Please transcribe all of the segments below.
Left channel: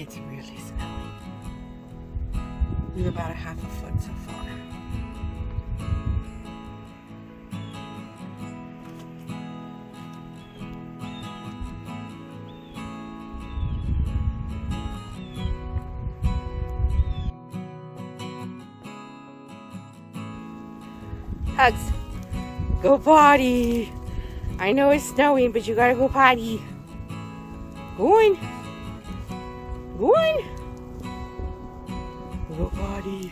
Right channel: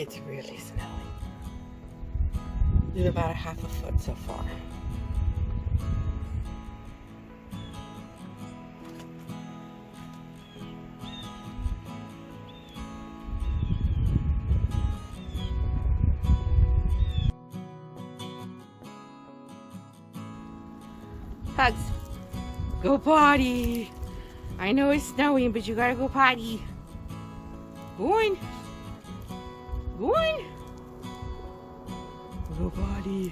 It's really snowing. We're about a half a foot so far. Hugs. Go potty. I know it's snowing, but you gotta go potty. Go on. Go on. Go potty.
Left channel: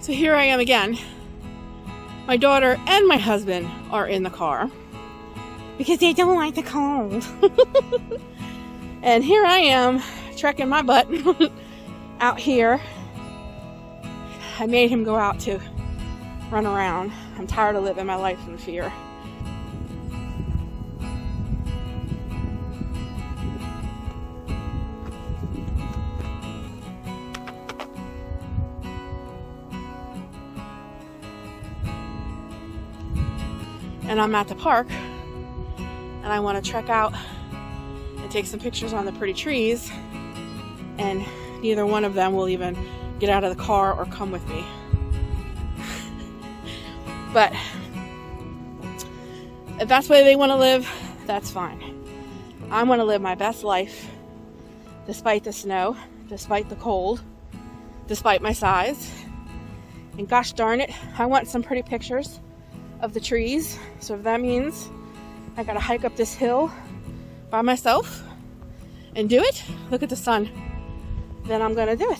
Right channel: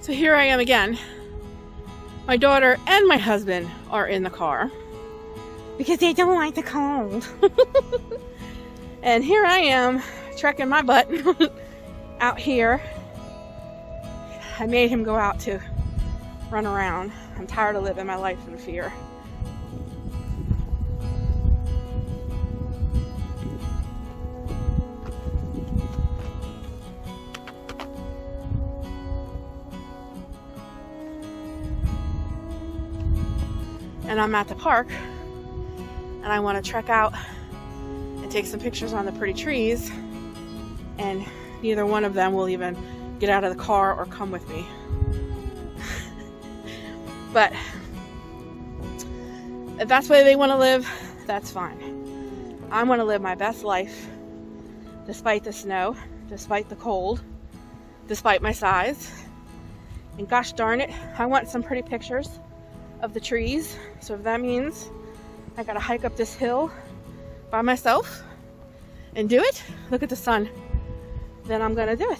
So here I am again. My daughter and my husband are in the car because they don't like the cold. And here I am trekking my butt out here. I made him go out to run around. I'm tired of living my life in fear. And I'm at the park and I want to trek out and take some pictures on the pretty trees, and neither one of them will even get out of the car or come with me. But if that's the way they want to live, that's fine. I want to live my best life despite the snow, despite the cold, despite my size. And gosh darn it, I want some pretty pictures of the trees. So if that means I gotta hike up this hill by myself and do it, look at the sun, then I'm gonna do it.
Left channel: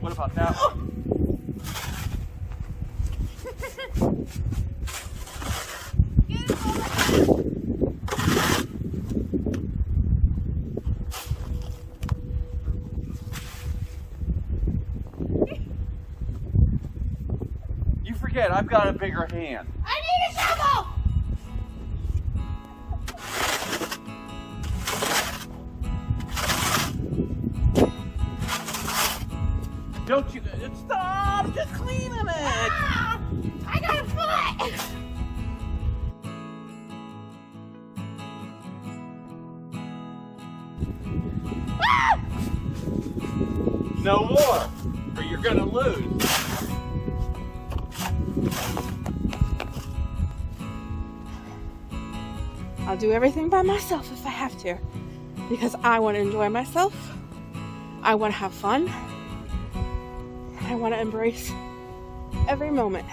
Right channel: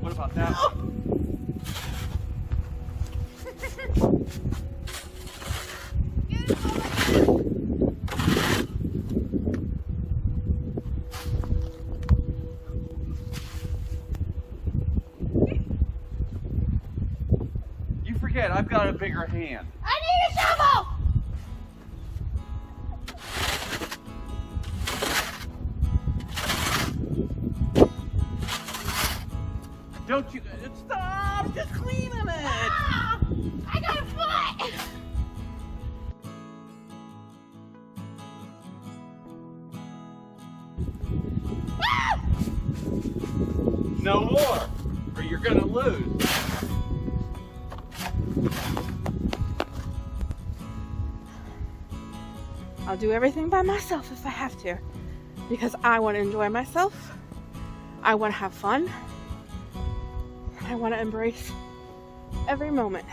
What about that? You forget, I've got a bigger hand. I need a shovel! Don't you stop! Just cleaning it! Ah, I got a foot! Ah! No more, or you're gonna lose. I'll do everything by myself if I have to, because I want to enjoy myself. I want to have fun. I want to embrace every moment.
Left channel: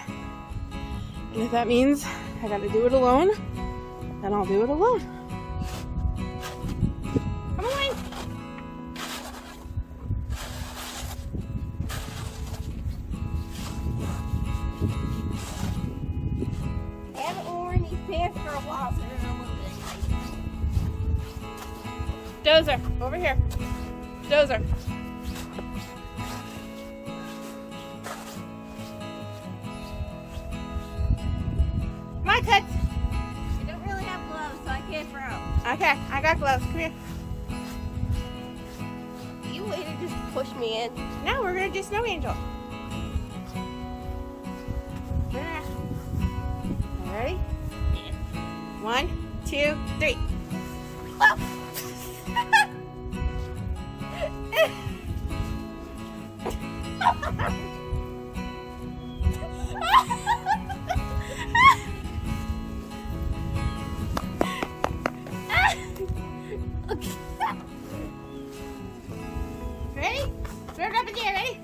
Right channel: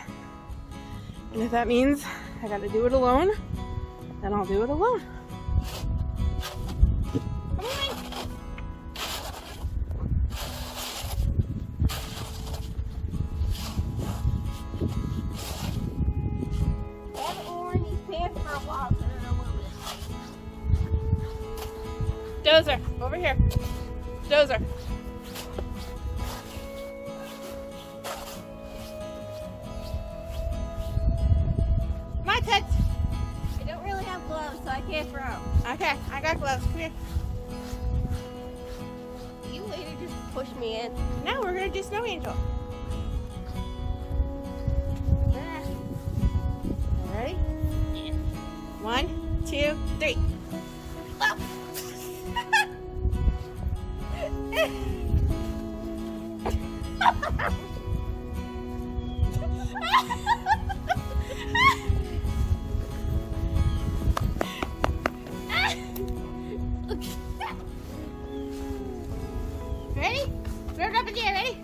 And if that means I got to do it alone, then I'll do it alone. Come on. I haven't worn these pants for a while, so Dozer, over here. Dozer. My pets. I don't really have gloves, so Okay, I got gloves. Come here. You wouldn't just push me in. Now we're gonna do snow angel. Ready? 1, 2, 3. Ready? Throw it up in the air. Ready?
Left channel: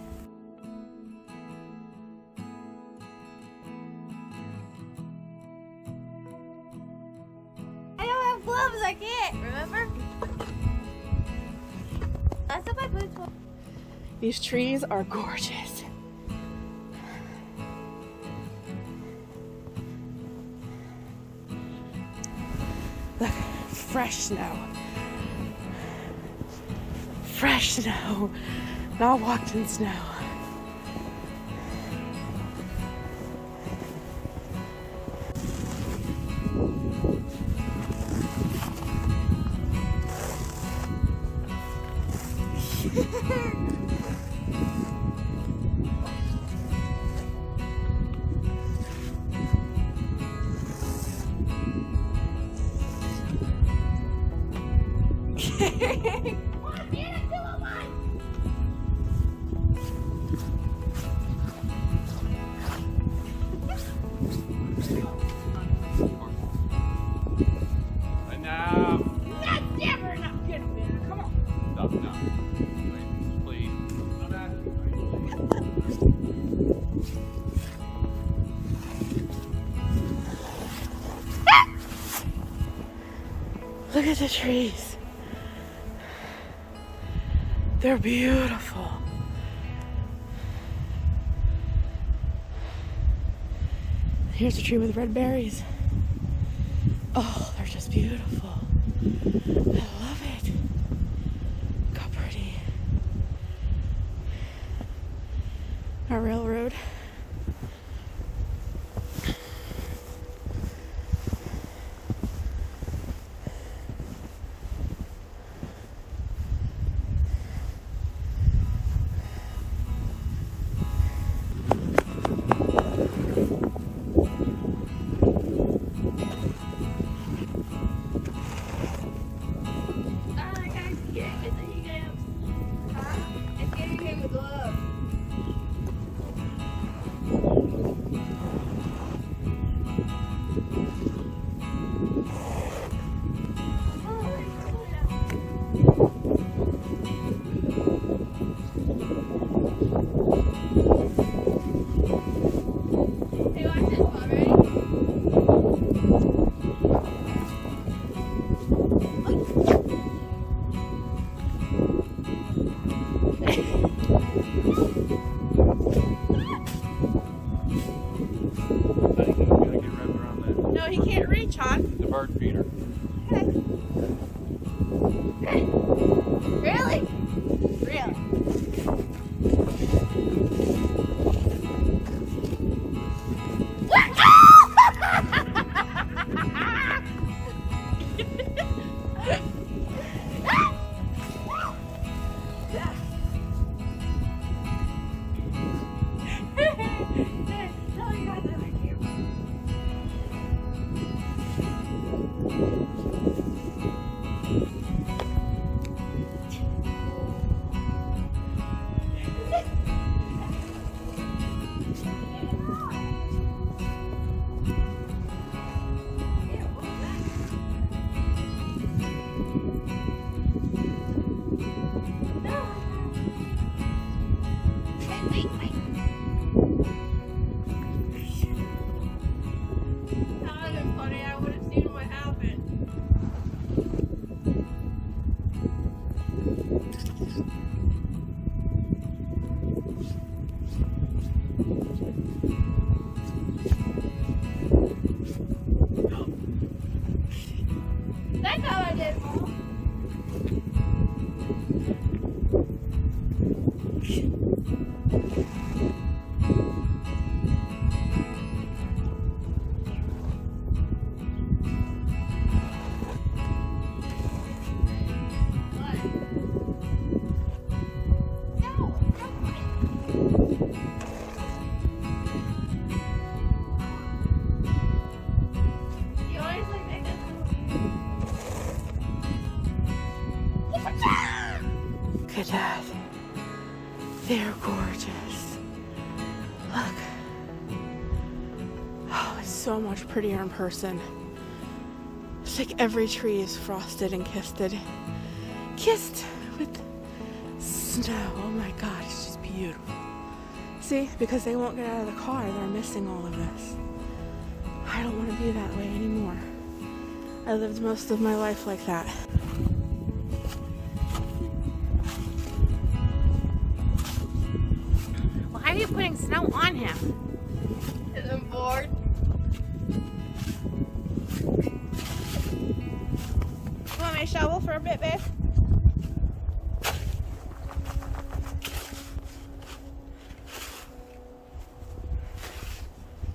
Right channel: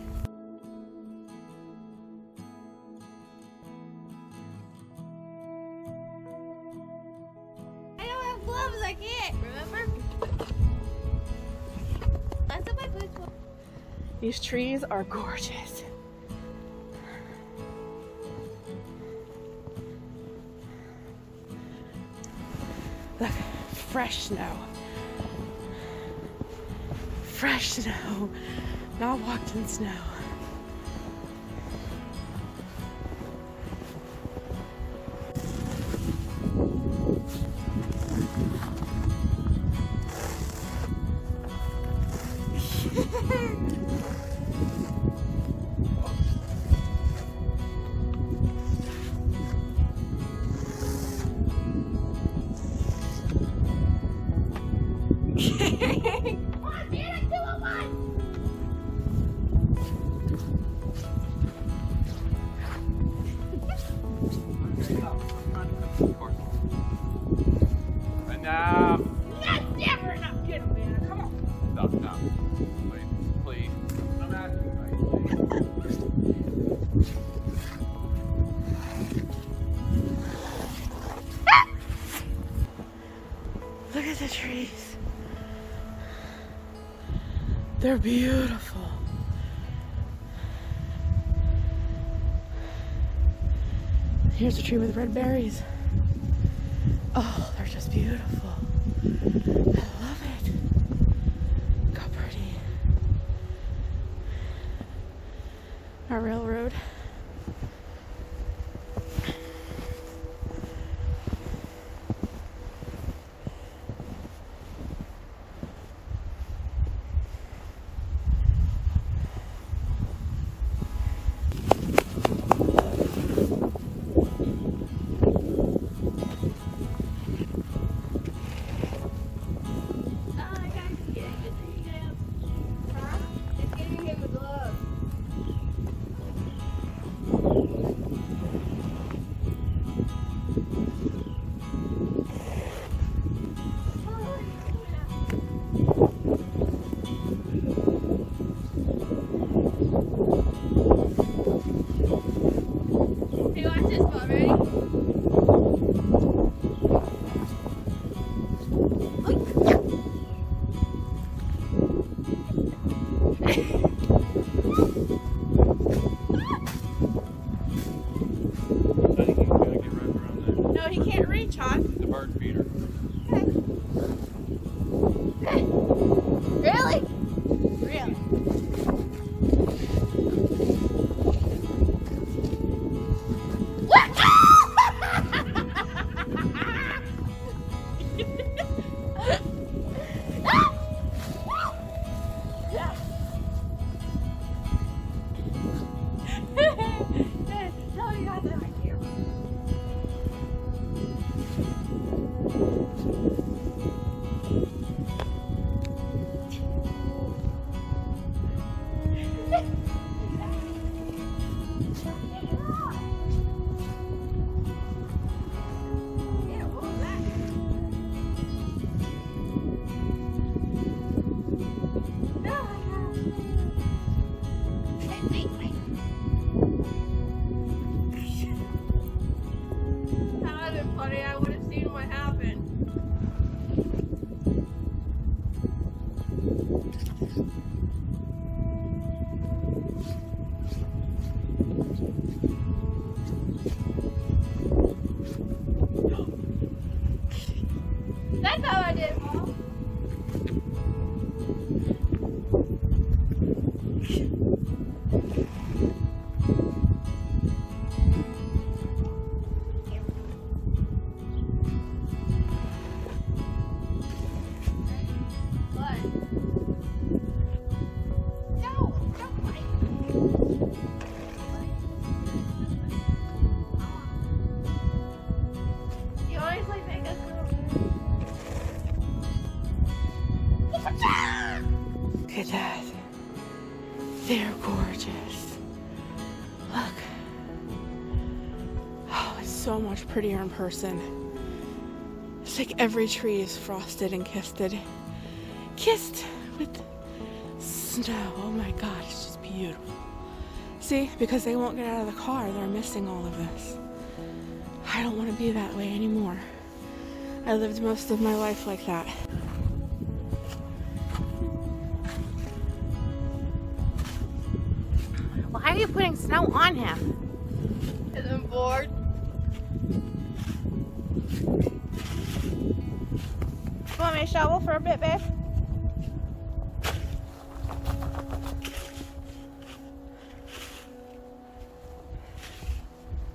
I don't have gloves, I can't, remember? That's what my boots are. These trees are gorgeous. Look, fresh snow. Fresh snow. Not walked in snow. Come on, man, I still have one. And now, That's never enough. Get him, man. Come on. stop now. Please. No, that's Look at the trees. They're beautiful. Here's a tree with red berries. Oh, they're just beautiful. I love it. Look how pretty. Our railroad. Sorry, guys, you can't get the email. Huh? I can't get the glove. Hey, watch this one, ready? No, he can't reach, hon. the bird feeder. Really? Really? What? That's how I did, Mom. Look at that. They're gorgeous. Look. Oh, it's so much prettier in person. It's like every tree is frosted and kissed with snow. Oh my God, it's just beautiful. See, because they won't get out of the car, they're missing all of this. I don't want to be that way anymore. I lived most of my life like that. Why are you putting snow on him? Because I'm bored. You want me to shovel for a bit, babe?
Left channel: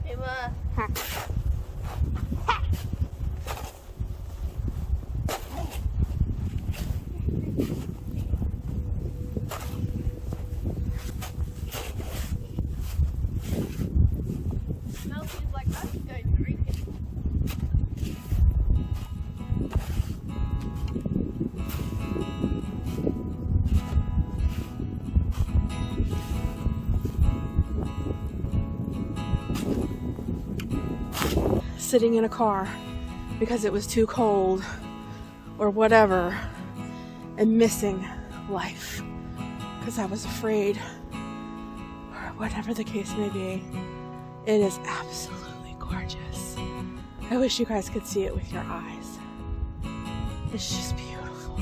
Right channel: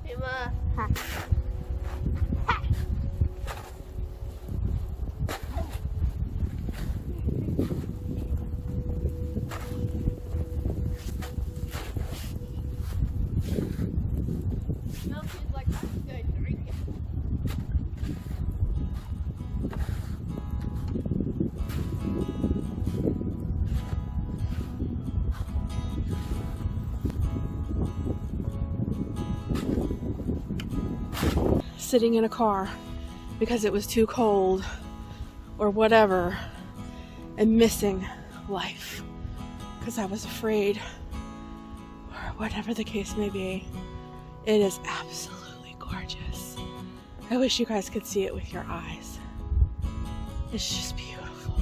Hey, Ma. Smells like us today, drinking. Sitting in a car because it was too cold or whatever, and missing life because I was afraid, or whatever the case may be. It is absolutely gorgeous. I wish you guys could see it with your eyes. It's just beautiful.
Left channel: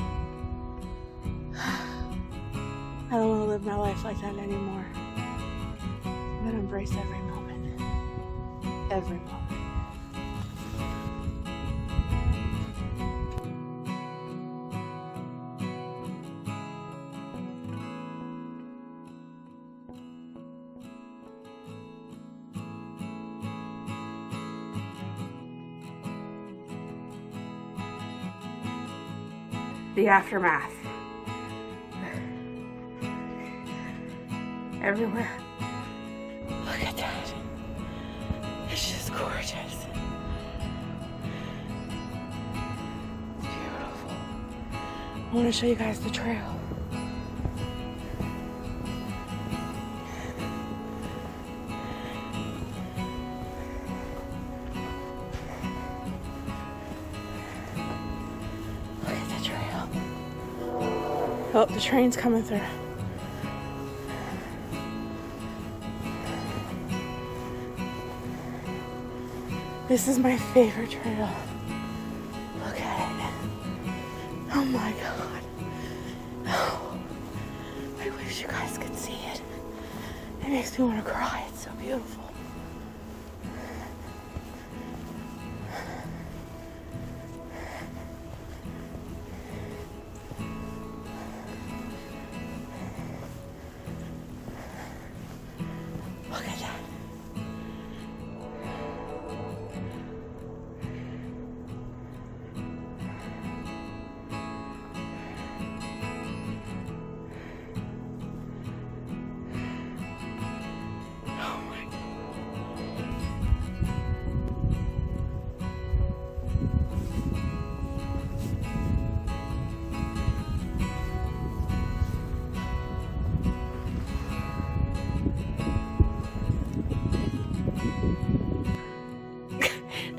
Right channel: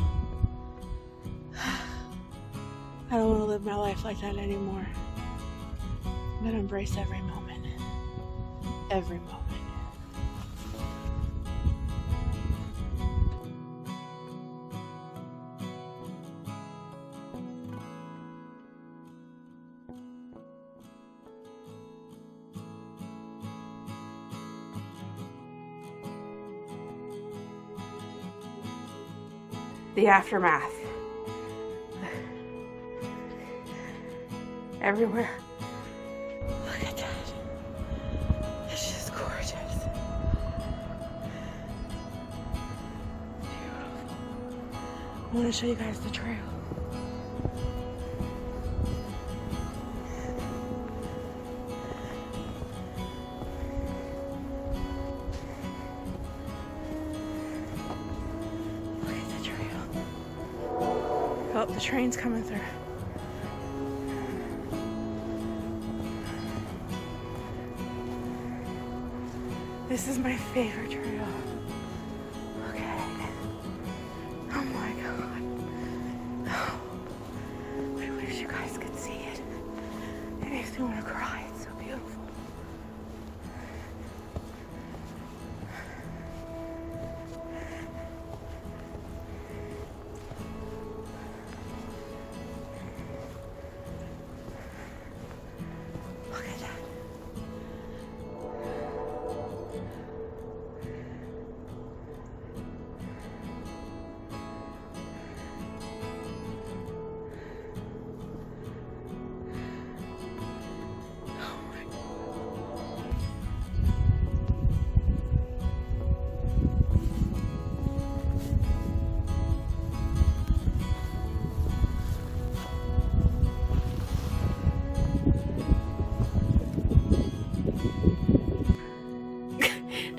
I don't want to live my life like that anymore. I'm gonna embrace every moment. Every moment. The aftermath. Everywhere. Look at that. It's just gorgeous. It's beautiful. I want to show you guys the trail. Oh, the train's coming through. This is my favorite trail. Look at it. Oh my God. Oh, I wish you guys could see it. It makes me want to cry. It's so beautiful.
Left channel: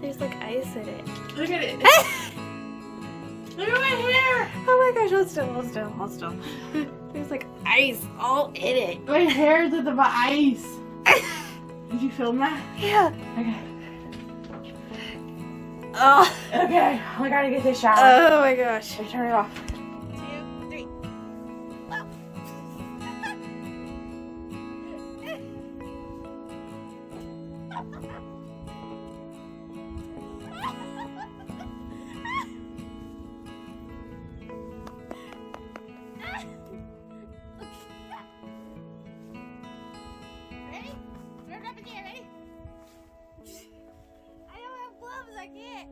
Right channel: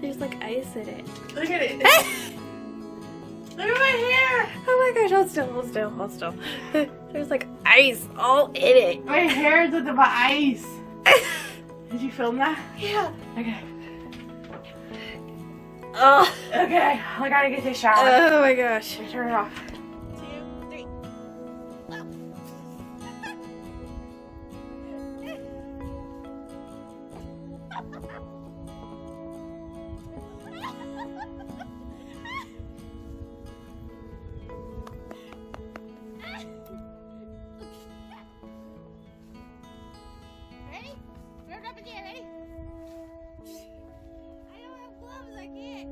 There's like ice in it. Look at it. Look at my hair. Oh my gosh, hold still. There's like ice all in it. My hair is with the ice. Did you film that? Yeah. Okay. Oh. Okay. I gotta get this shower. Oh my gosh. Turn it off. 2, 3. Ready? Throw it up in the air, ready? I don't have gloves, I can't.